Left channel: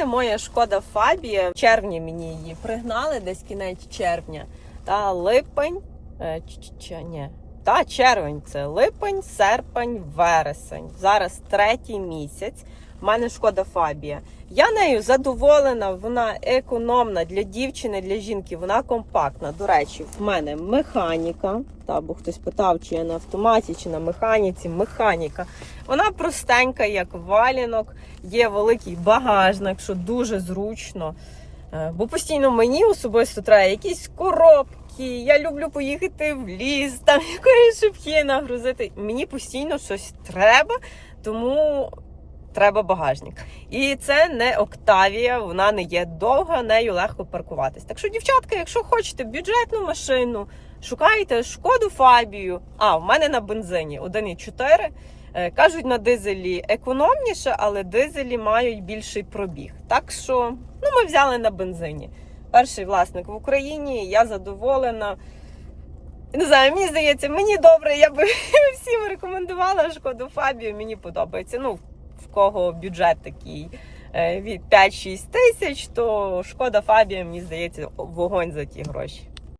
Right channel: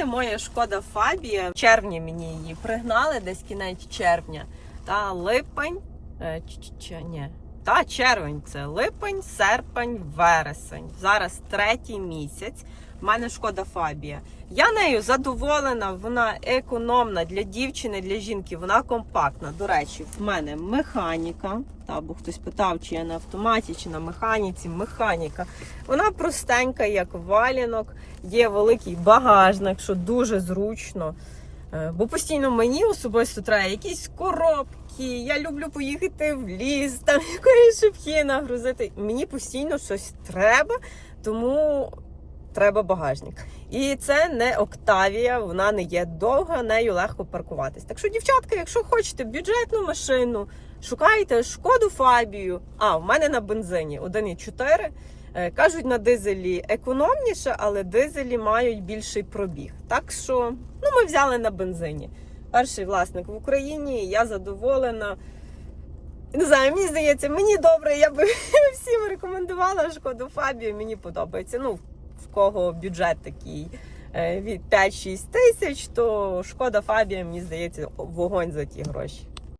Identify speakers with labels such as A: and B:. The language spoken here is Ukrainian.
A: мене моя шкода Фабія. В червні мені її пригнали, десь кінець червня. Та липень. е, ч- ч- ч- ні. Та червень це липень, серпень, вересень. Зараз третій місяць. У мене шкода Фабія. Я нею задоволена, вона економна для дівчини, для жінки, вона компактна. До речі, в мене механіка. Та, бо хтось питав, чи я на автоматі, чи на механіці. Механіка. Вона простенька, як валінок, є великий багажник, що дуже зручно. Е, Бо постійно мені особисто треба якісь коробки. Я люблю поїхати в ліс, там якоїсь шипки нагрузити. Мені постійно щось треба, тому треба багажник. І це не Октавія, вона не є довга, нею легко паркуватись. Так що, дівчатка, якщо хочете бюджетну машину, шукайте шкоду Фабію. А, в мене на бензині 1,4. Е, Кажуть, на дизелі економніше, але дизелі мають більший пробіг. Так що ну, ми взяли на бензині. Перший власник в Україні, я задоволена. Не знаю, мені здається, мені добре, я би всім рекомендувала шкоду Фабію, мені подобається. Ну, в кого бюджет такий е, від 5-6 тисяч, то шкода Фабія, мені здається, вогонь за ті гроші.